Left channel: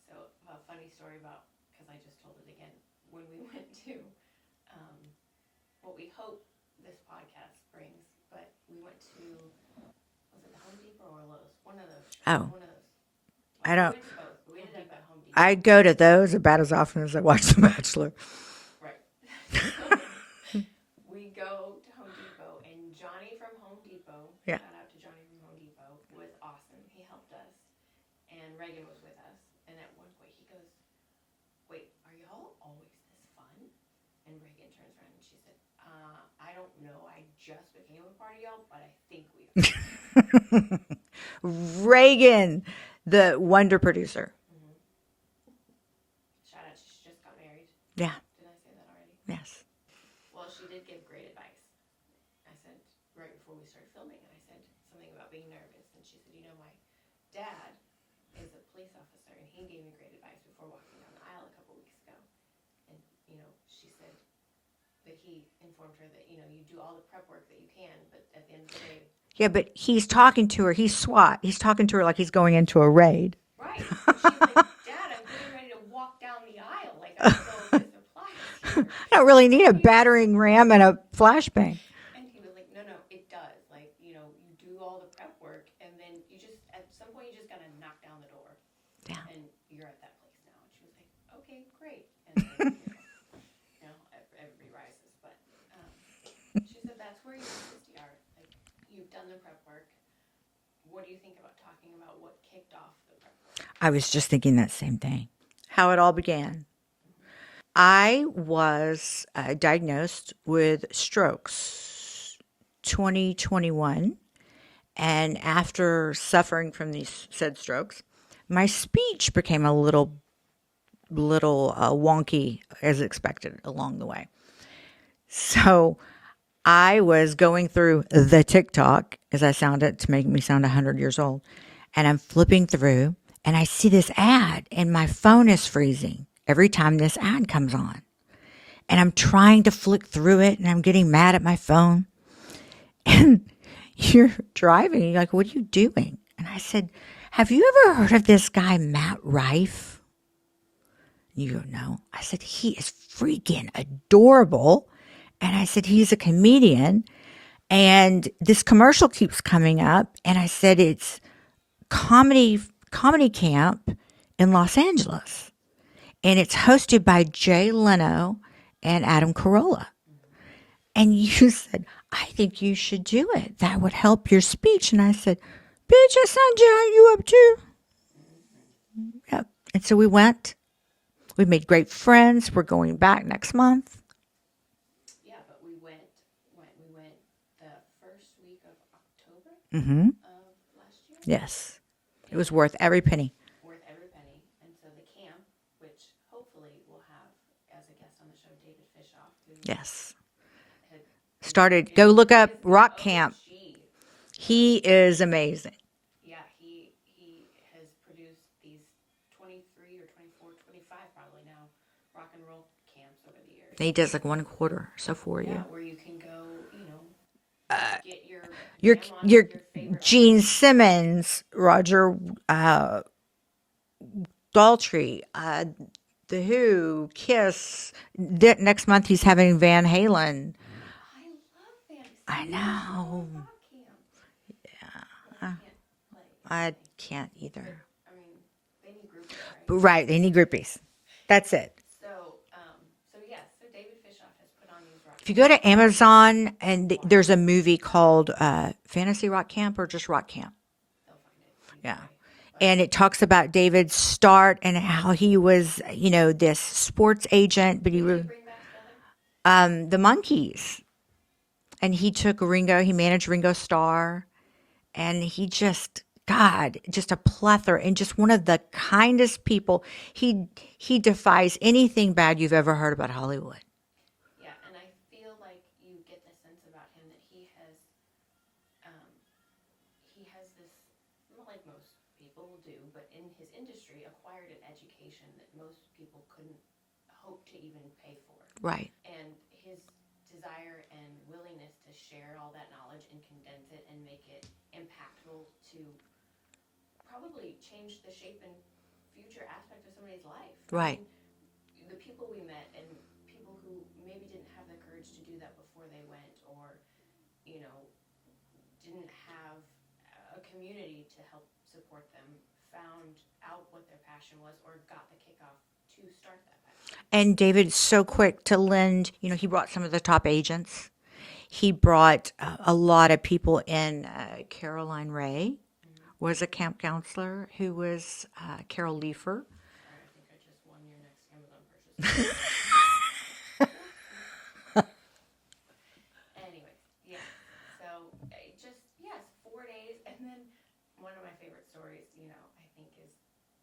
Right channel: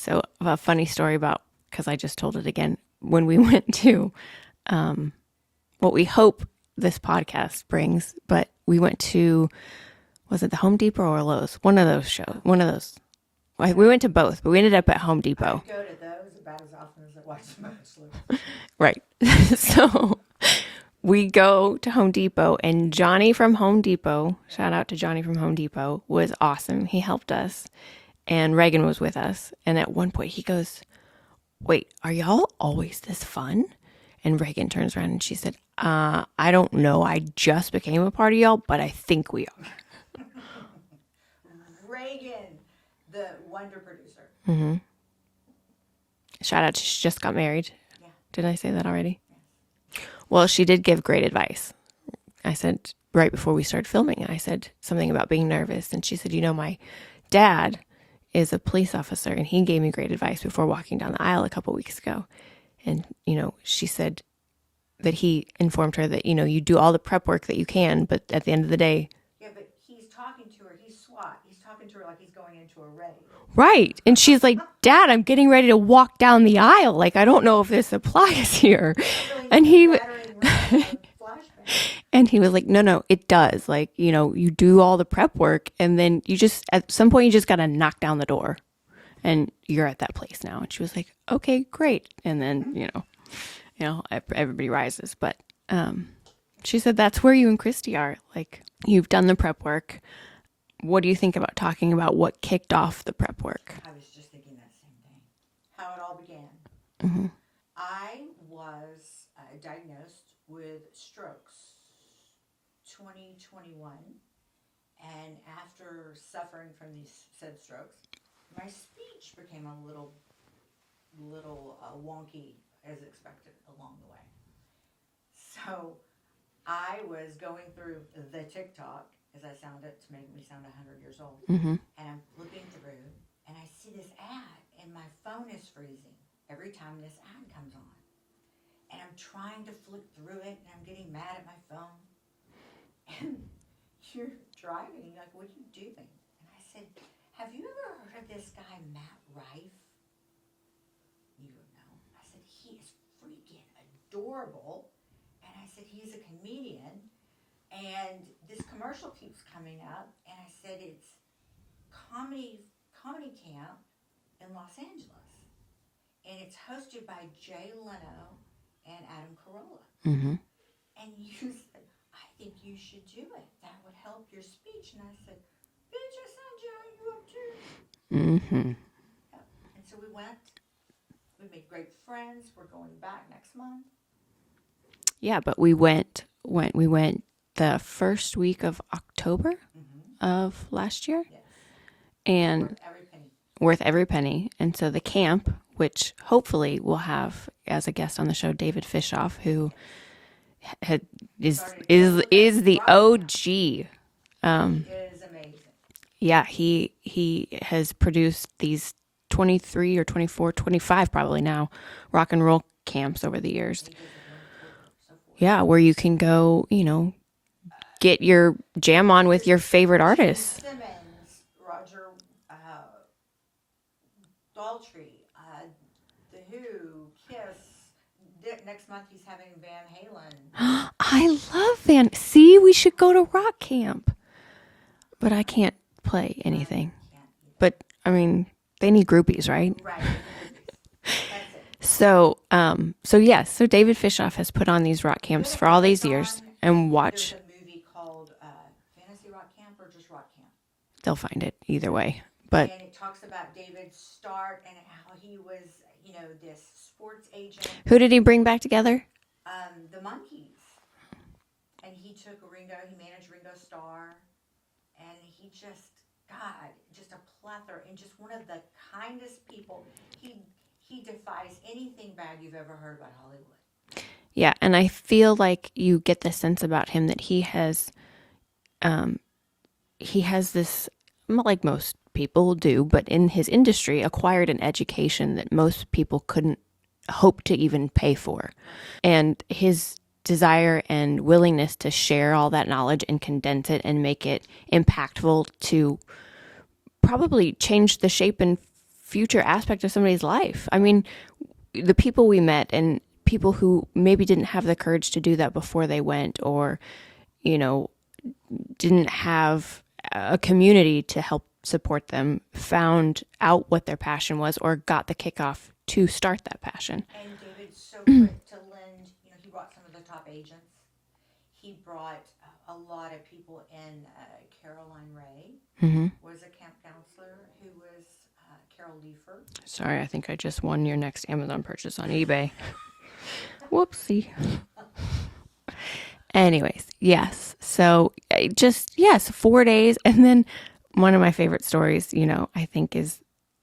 So a funny story about, because I just told it again, when we went to what we hope this podcast brings, but we went to, was it the Home Depot or Lowe's? One of those shows. Oh. One of those. We went to both, but we ended up at Home Depot. I go to those about as often as I watch The Bachelor. Right. So we go to Home Depot, and Johnny from Home Depot, shout out to Johnny from Home Depot, was awesome. He helped us, and Reagan was with us. And at one point he goes, wait, are y'all always this fun? And Reagan turns around and she said, I don't know. I just became a part of y'all, but I think we are. Reagan, the wonder producer. Mm-hmm. Shout out, she just got married. Yeah. Did I say that already? Yes. Well, she did give great advice. I said, right before we started filming, I said something about being nervous. And she said, my dad is a police officer, and he gave me great advice before walking down the aisle a couple weeks ago. And, she said that he informed her that, you do all the prep work that you can, but at the end of the day. Yeah, but he's talking to her. He's SWAT. He's talking to her like he's going into a raid. Right. And she's like, Dad, I'm getting ready to walk down the aisle. Like, I don't know if this applies here. I don't really need a battering ram and a flashbang. And he was like, no, it does. Like, you do all the prep work, and then you just, at some point, you just got to knock down the door. Yeah. And you're at that place now. And she was like, okay, great. And then, everybody rises. But she said, that's where you and Christy are. Like, you've done the prep work. What do you think about talking about what kicked off the prep work? I was just thinking that same thing. How it all began. Mm-hmm. I was diagnosed with strokes 2021. And after suffering from these said strokes, my speech became a little wonky as expected along the way. So I was going through the TikTok, as I sound it, to make me sound 100 years old. Mm-hmm. And I'm flipping through, and I see this ad, and my phone is freezing every time this ad comes on. And I'm trying to flick through it, and I'm getting mad at my phone. And you're driving. You're like, what are you doing? And I said, have you ever heard of this guy, Matt Rife? You go, no. I said, he is freaking adorable. And I said, he's a comedian. And this commercial keeps coming up. And I said, it's comedy camp in Los Angeles. And it's hosted by Jay Leno and Adam Carolla. Mm-hmm. And you said, I think you should do it. That would help your speech. And I said, bitch, I signed you up too. Mm-hmm. Yep. And so we went. We made great friends. We're going back next month. Yeah, but we went the first week of October of last year. Yes. And it was worth every penny. Worth every penny. And so the camp, which hopefully we'll have as a guest on the show, David Fishoff, who is the OG. He is amazing. Yeah, he has produced these 23 or 24, 25 probably now, rock and roll camps over the years. And he does like 1/4, so 4. Yeah, where you can go, get your jam on with your favorite artist. Gene Simmons, Roger Daltrey, The Who, Kiss. Next month he's having Van Halen. I love Van. See, we should go to rock camp. Yeah, but I can't play anything. I can't either. But I mean, they need groupies, right? Right, they need groupies. That's it. So David Fishoff has put on these rock camps. You go to for all Amazon these years and watch. There's a movie called Fantasy Rock Camp or just Rock Camp. They'll find it either way. But and it talks about David's start and how he was, this sports agent. Who did he bring back together? The Monkees. And he took Ringo. He managed Ringo Starr, and he just a plethora and just one of the kindest people. He defies anything bad you've ever heard about Hollywood. Yeah, and I feel like you get the sense about him that he has this, like most people do, but in his industry, acquired an education that most people couldn't hope to even pay for. Right. And his desire and willingness to share all that knowledge and condense it and make it impactful to probably change the shape and future aspect of somebody's life. I Right. mean, the people we met and people who maybe didn't have the courage to do that before they went, or, you know, didn't have a community to help support them, found out what their passion was or got the kickoff to start that passion. And David's so quick to lend, he brought some of the top agents. He brought a lot of people in. Caroline Ray was a camp counselor who was Carol Leifer. Sorry, I think I just won your next Amazon purchase on eBay. Whoopsie. Anyways, yes. So yes, 4 days. And then one of my favorite stories, I think is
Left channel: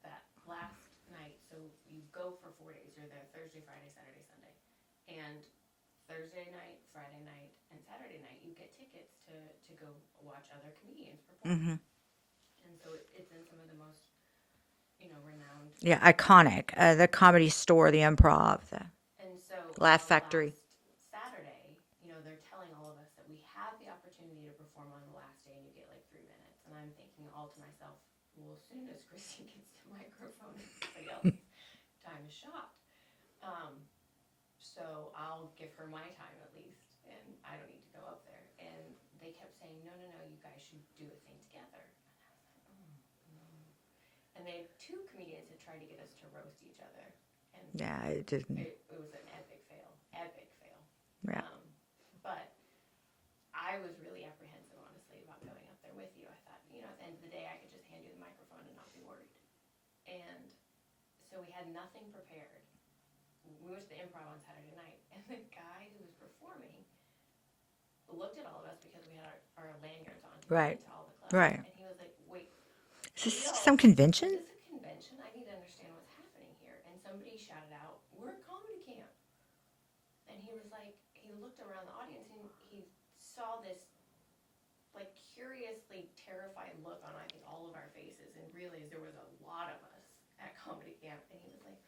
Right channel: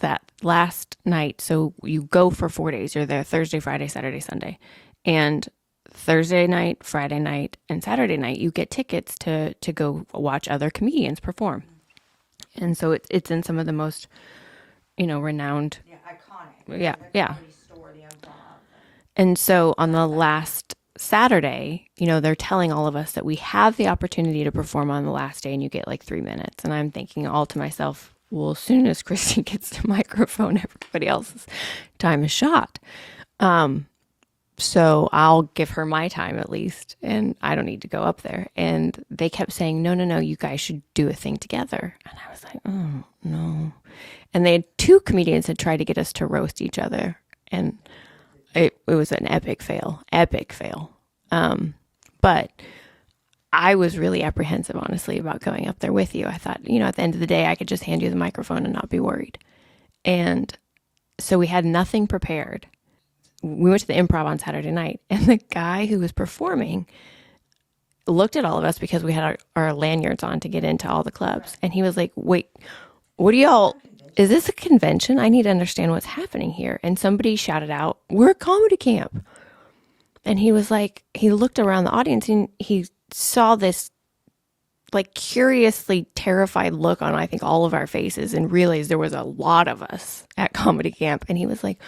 that last night. So you go for 4 days. You're there Thursday, Friday, Saturday, Sunday. And Thursday night, Friday night, and Saturday night, you get tickets to go watch other comedians perform. And so it's in some of the most, renowned. Yeah, iconic. The Comedy Store, the Improv. And so on Laugh the Factory. last Saturday, they're telling all of us that we have the opportunity to perform on the last day and you get like 3 minutes. And I'm thinking all to myself, well, as soon as Christy gets the microphone, everybody else's time is shot. So I'll give her my time at least, and I don't need to go up there. And they kept saying, no, you guys should do a thing together. And I was like, oh, no. And they had 2 comedians had tried to get us to roast each other. And it was an epic fail. But I was really apprehensive, honestly, about going up there with you. I thought, at the end of the day, I could just hand you the microphone and not be worried. And so we had nothing prepared. We went to the Improv on Saturday night, and the guy who was performing looked at all of us because we had our lanyards on to get into all the clubs. Right. And he was like, wait, what are y'all? Some convention. Is this a convention? I need to understand what's happening here. And somebody shouted out, we're a comedy camp. And he was like, he looked around the audience and he saw this like curiously terrified look on, I think, all of our faces, and realized there was a lot of us at comedy camp. And he was like,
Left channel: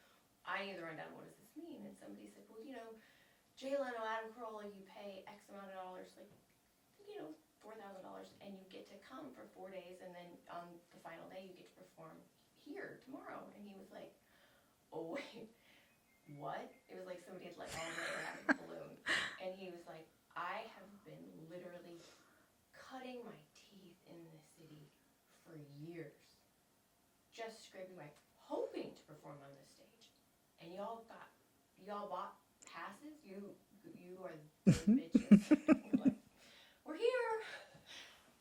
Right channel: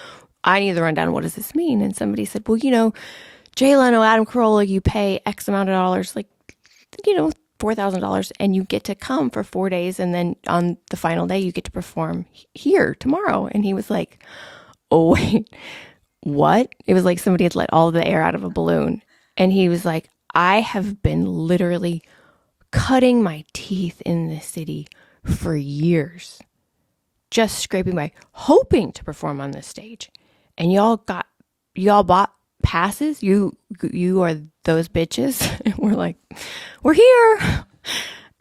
I need to run down. What does this mean? And somebody said, well, Jay Leno, Adam Carolla, you pay X amount of dollars, like, $4,000, and you get to come for 4 days. And then on the final day, you get to perform here tomorrow. And he was like, oh, wait, what? It was like somebody had let all the air out of a balloon. And he was like, I have been literally cutting my teeth in this city for years, just scraping by, hoping to perform on this stage. And y'all bought passes. You are those bitches. And we're like, we're here.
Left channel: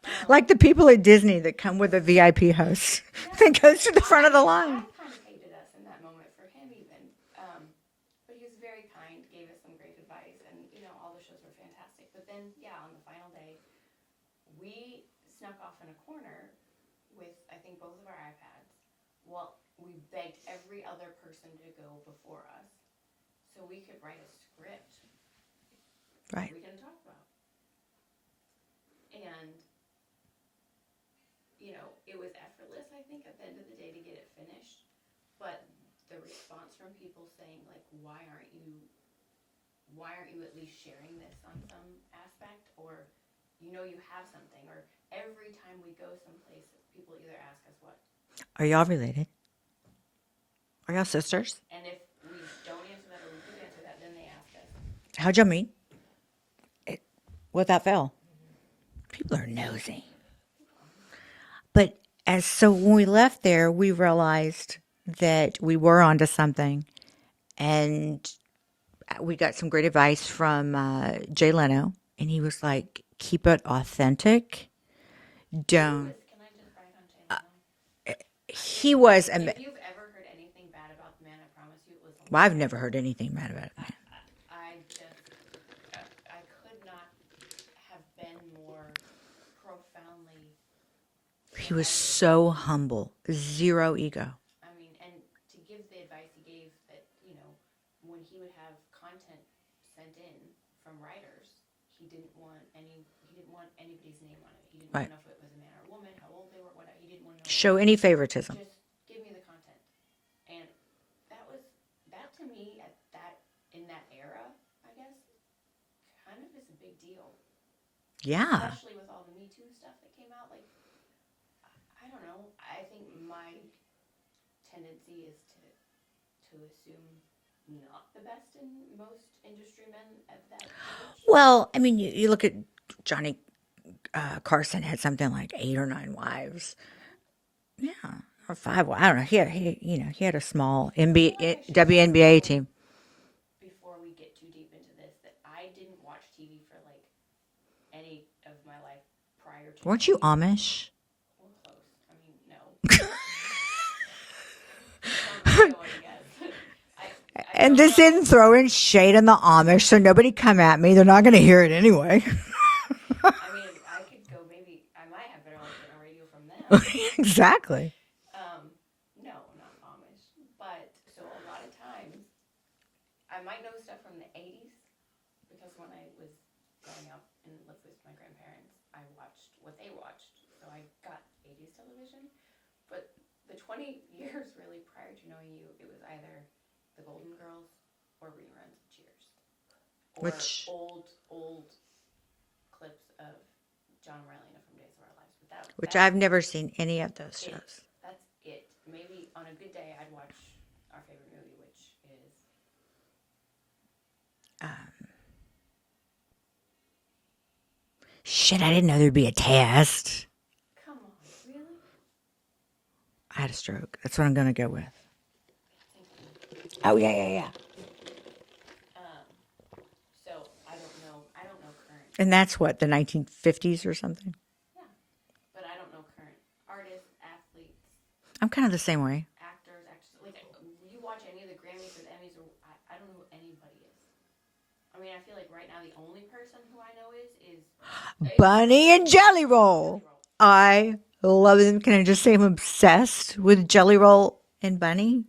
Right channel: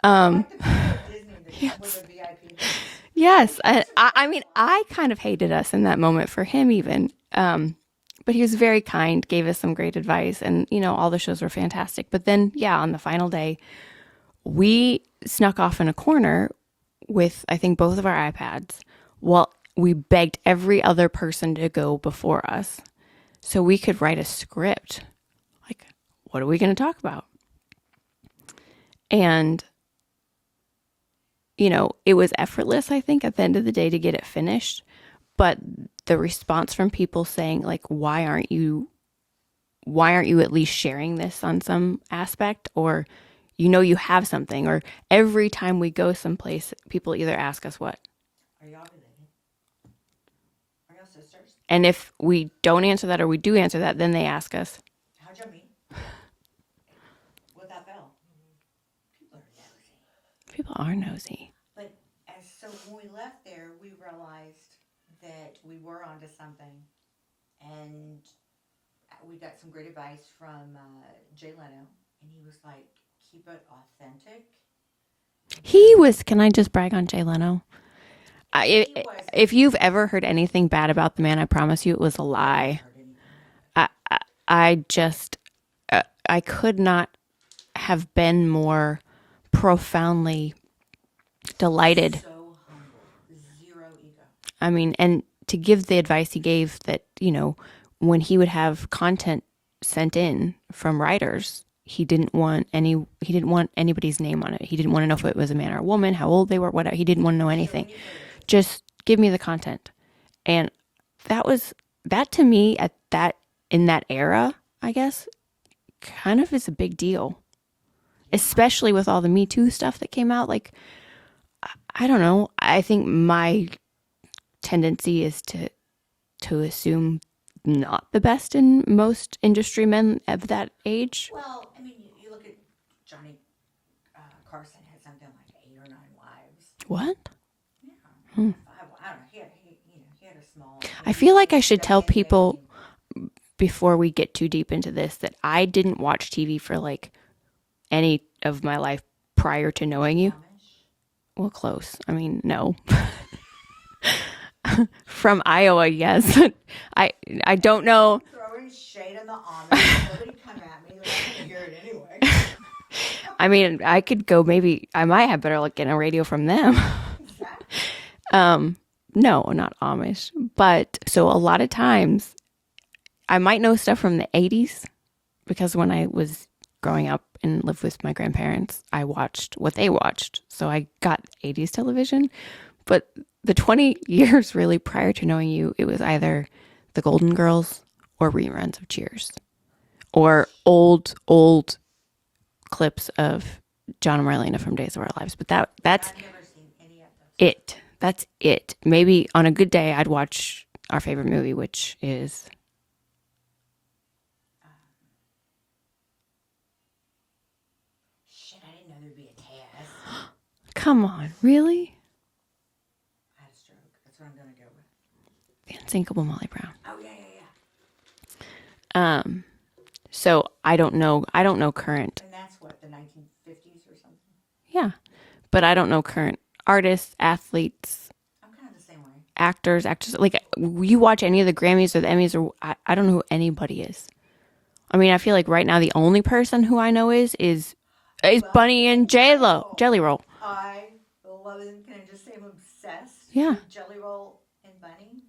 Like the people at Disney that come with a VIP host. Yes. That goes to the front of the mean, line. I kind of hated us in that moment for him even. But he was very kind, gave us some great advice, and, all the shows were fantastic. But then, on the final day, we snuck off in a corner with, I think, both of our iPads. Well, we begged every other person to go before us so we could write a script. Like, what are we going to talk about? And, it was effortless, I think, at the end of the day to get it finished. But the response from people saying, like, why aren't you at least sharing this on some aspect? Or, you have something. Or every time we go someplace, people either ask us what? Are y'all related? Are y'all sisters? And if we don't answer that or we do answer that, then they ask us, How'd y'all meet? Without fail. People are nosy. People are nosy. But so when we left there, we realized that we were onto something, and we got some great advice from Jay Leno, and he was like, keep it authentic. Can I just brag on Jay Leno? He was. If you've ever heard anything bad about the man, I promise you it was a lie. I've never heard anything bad about it. I just, I could not have been more profoundly delighted. So humble, zero ego. I mean, and to give the advice he gave that, when he would have content sent in from writers, he didn't want anybody's name on it. He didn't want to know if it was a man or a woman, how old they were, whatever. He didn't want to know anything. Show any favoritism. Just give me the content. And that to me in that era, I guess, kind of is a big deal. Yeah. Especially with all the Me Too stuff that came out. Like, I don't know. I think my tendency is to assume not the best in most industry men of that age. Well, I mean, you look at Johnny Carson had something like 8 or 9 wives. What? Yeah, or 5. I don't know. He had a small NBA, I feel like I should tell WNBA people team. before we get too deep into this that I didn't watch TV for like any of my life prior to Weren't knowing you you. Amish? Well, close. I mean, no. From Iowa, yes. I And don't this know. isn't throwing shade on the Amish, so nobody come at me. They're not going to hear it anyway. I mean, I could go. Maybe I might have better luck getting a radio from them. Exactly. No, not Amish. But so a lot of times, I might know stuff from the 80s because when I was growing up and lived with my grandparents, I watched what they watched. So I got 80s television. But the 20 years really prior to knowing you, it was either the Golden Girls or reruns of Cheers or old clips of John and Marlena from Days of Our Lives. But that's I've never seen any of those. it. That's it. Maybe on a good day, I'd watch our favorite movie, which is Shit, I didn't know there'd be a test. come on, really? I had a stroke. That's what I'm going to go with. The Unsinkable Molly Brown. Oh, yeah. So I don't know current. And that's what, the 1950s or something? Yeah. But I don't know current artists, athletes, I'm kind of the same way. actors. Like you watch any of the Grammys or the Emmys or I don't know who anybody is. I mean, I feel like right now the only person who I know is Bunny and J-Lo. Jelly Roll. I love them. Can I just say I'm obsessed with Jelly Roll and Bunny?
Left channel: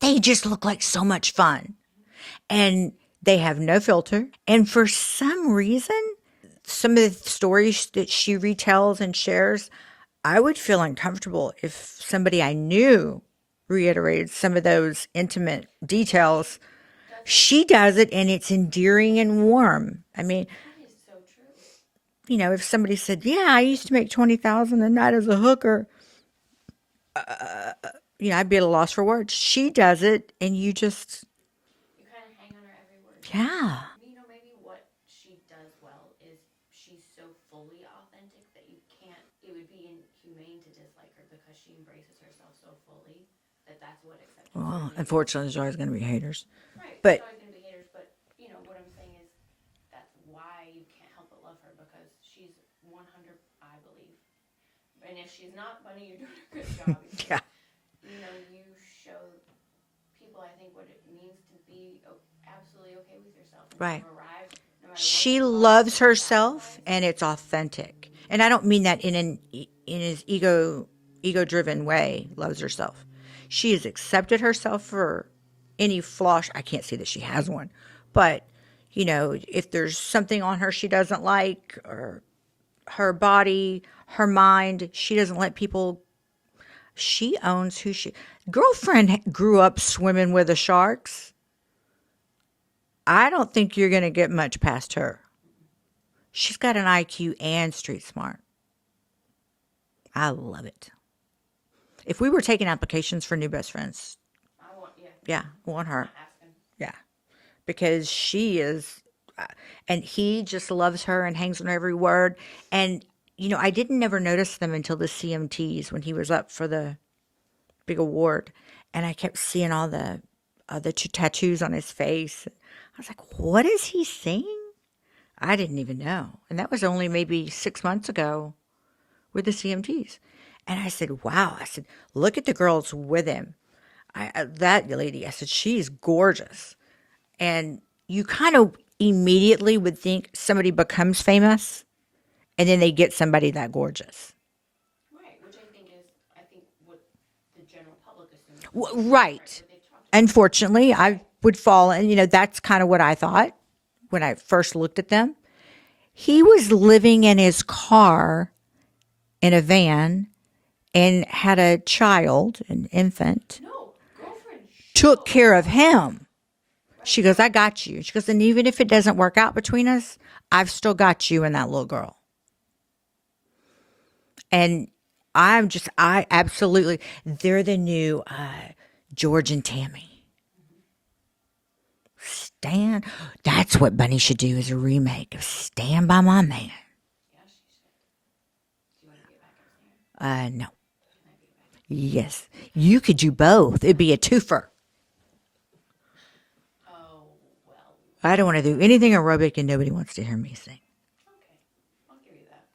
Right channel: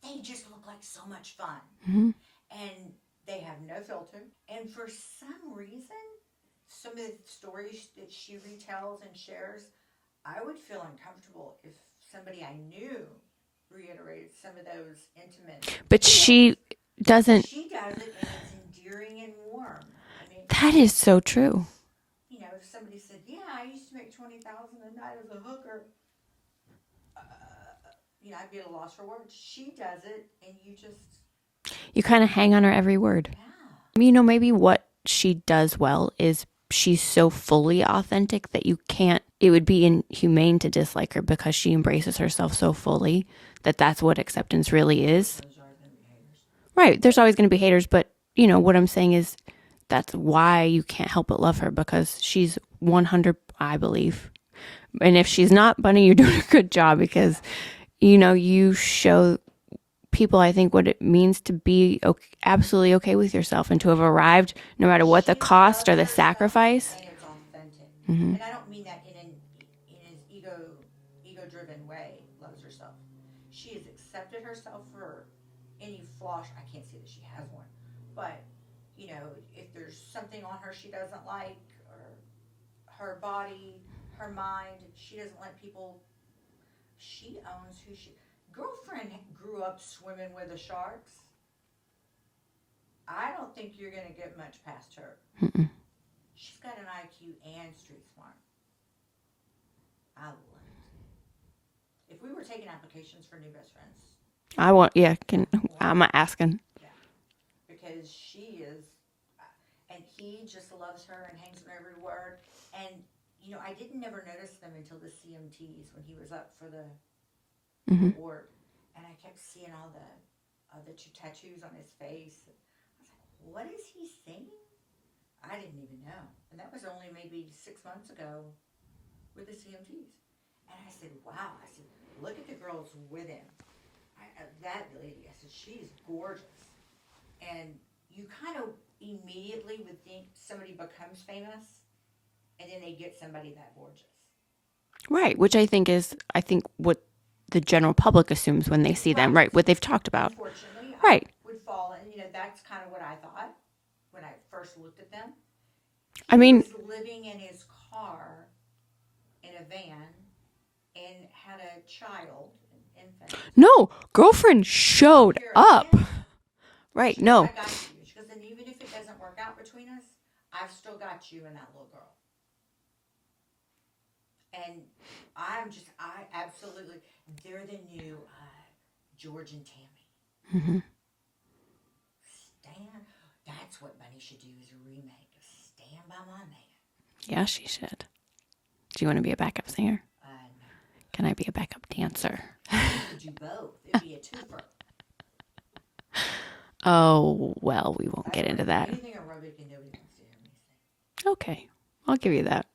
They just look like so much fun. Mm-hmm. And they have no filter. And for some reason, some of the stories that she retells and shares, I would feel uncomfortable if somebody I knew reiterated some of those intimate But details. she doesn't. She does it, and it's endearing and warm. I mean, That is so true. you know, if somebody said, "Yeah, I used to make 20,000 a night as a hooker," you know, I'd be at a loss for words. She does it, and you just, You kind of hang on her every word. yeah, You know, maybe what she does well is she's so fully authentic that you can't, it would be inhumane to dislike her because she embraces herself so fully that that's what acceptance really is. unfortunately, there's always going to be haters. Right. There's but- always going to be haters, but you know, what I'm saying is that's why you can't help but love her because she's 100, I believe. And if she's not, Bunny, you're doing a good job because, you know, you show people, I think, what it means to be absolutely okay with yourself and to have arrived no matter what the cost or the sacrifice. And it's authentic. And I don't mean that in his ego driven way. Loves herself. She has accepted herself for any flaw. I can't see that she has one, but you know, if there's something on her she doesn't like, or her body, her mind, she doesn't let people. She owns who she. Girlfriend grew up swimming with the sharks. I don't think you're going to get much past her. She's got an IQ and street smart. I love it. If we were taking applications for new best friends, I want, want I'm her. asking. yeah, because she is, and he just loves her and hangs on every word. And you know, I didn't never notice them until the CMTs when he was up for the big award, and I kept seeing all the tattoos on his face. I was like, what is he saying? I didn't even know, and that was only maybe 6 months ago with the CMTs. And I said, wow. I said, look at the girls with him. That lady, I said, she's gorgeous. And you kind of immediately would think somebody becomes famous and then they get somebody that gorgeous. Right. Which I think what the general public assumes when they see Right. them. Right. What they've talked about. Unfortunately, Right. I would fall, and you know, that's kind of what I thought when I first looked at them. He was living in his car in a van and had a child, an infant. No, girlfriend showed Took care of up. him. Right. She goes, no. I got you. She goes, and even if it doesn't work out between us, I've still got you and that little girl. And I absolutely, they're the new George and Tammy. Stand. That's what Bunny should do, is a remake of Stand by My Man. Yeah, she should. Do you want to be a backup singer? No. Can I be a backup dancer? Yes. You could do both. It'd be a twofer. Oh, well, we won't. I don't get want to into do that. anything aerobic and nobody wants to hear me sing. Okay, I'll give you that.